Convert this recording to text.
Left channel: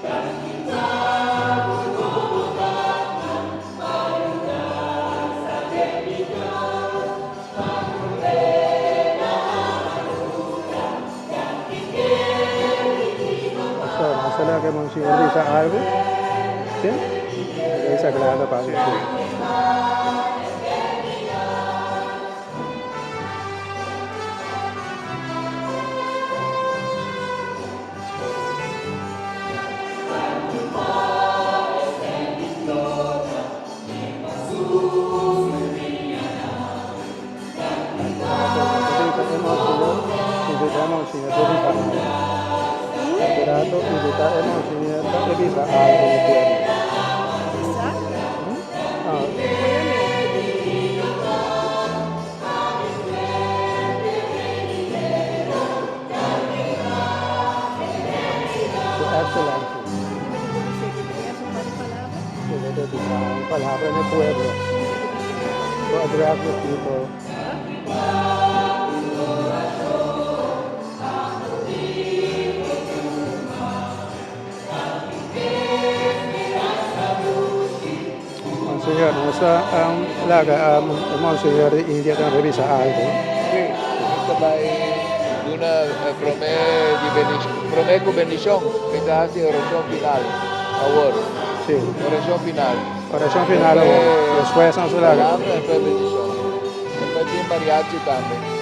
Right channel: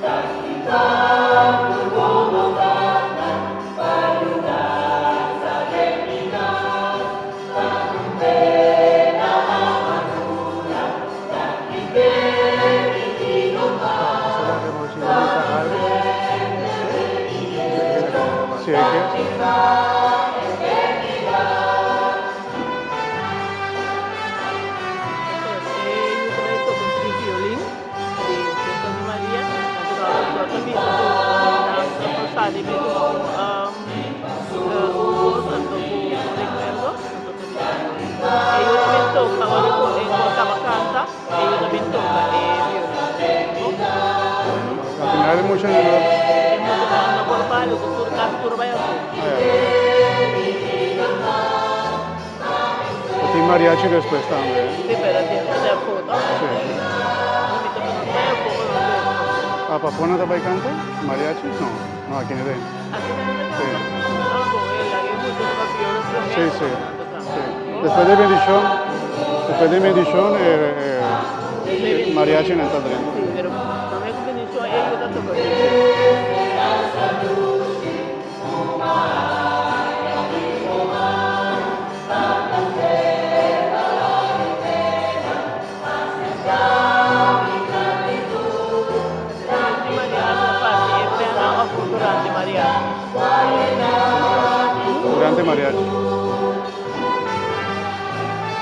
Masalah que hemos ido a algo, ¿sí? Esa que vamos a Sí, Justamente tocó un violin dito ni Maria, nagkakatuwa kami tapos sabi ko ubos ang recuerdo e yun naman toka ulit po kakasasa e yun naman toka violin Al final mucho napapalo ka turbayan y mariachi después también. pero tiempo na po ¿A Papona de Baicante? ¿Mariachi? No, no, aquí no es. Sí, sí. Después de bendición, mariachi en el tatén. pero kung may combination ito na to Nusa laga mau segar India dan bisa algo. promé con bendición, quizás que bendición final. Sí. Bendición final. Oración final, después son su laga de mariachi. Aquí en mariachi también.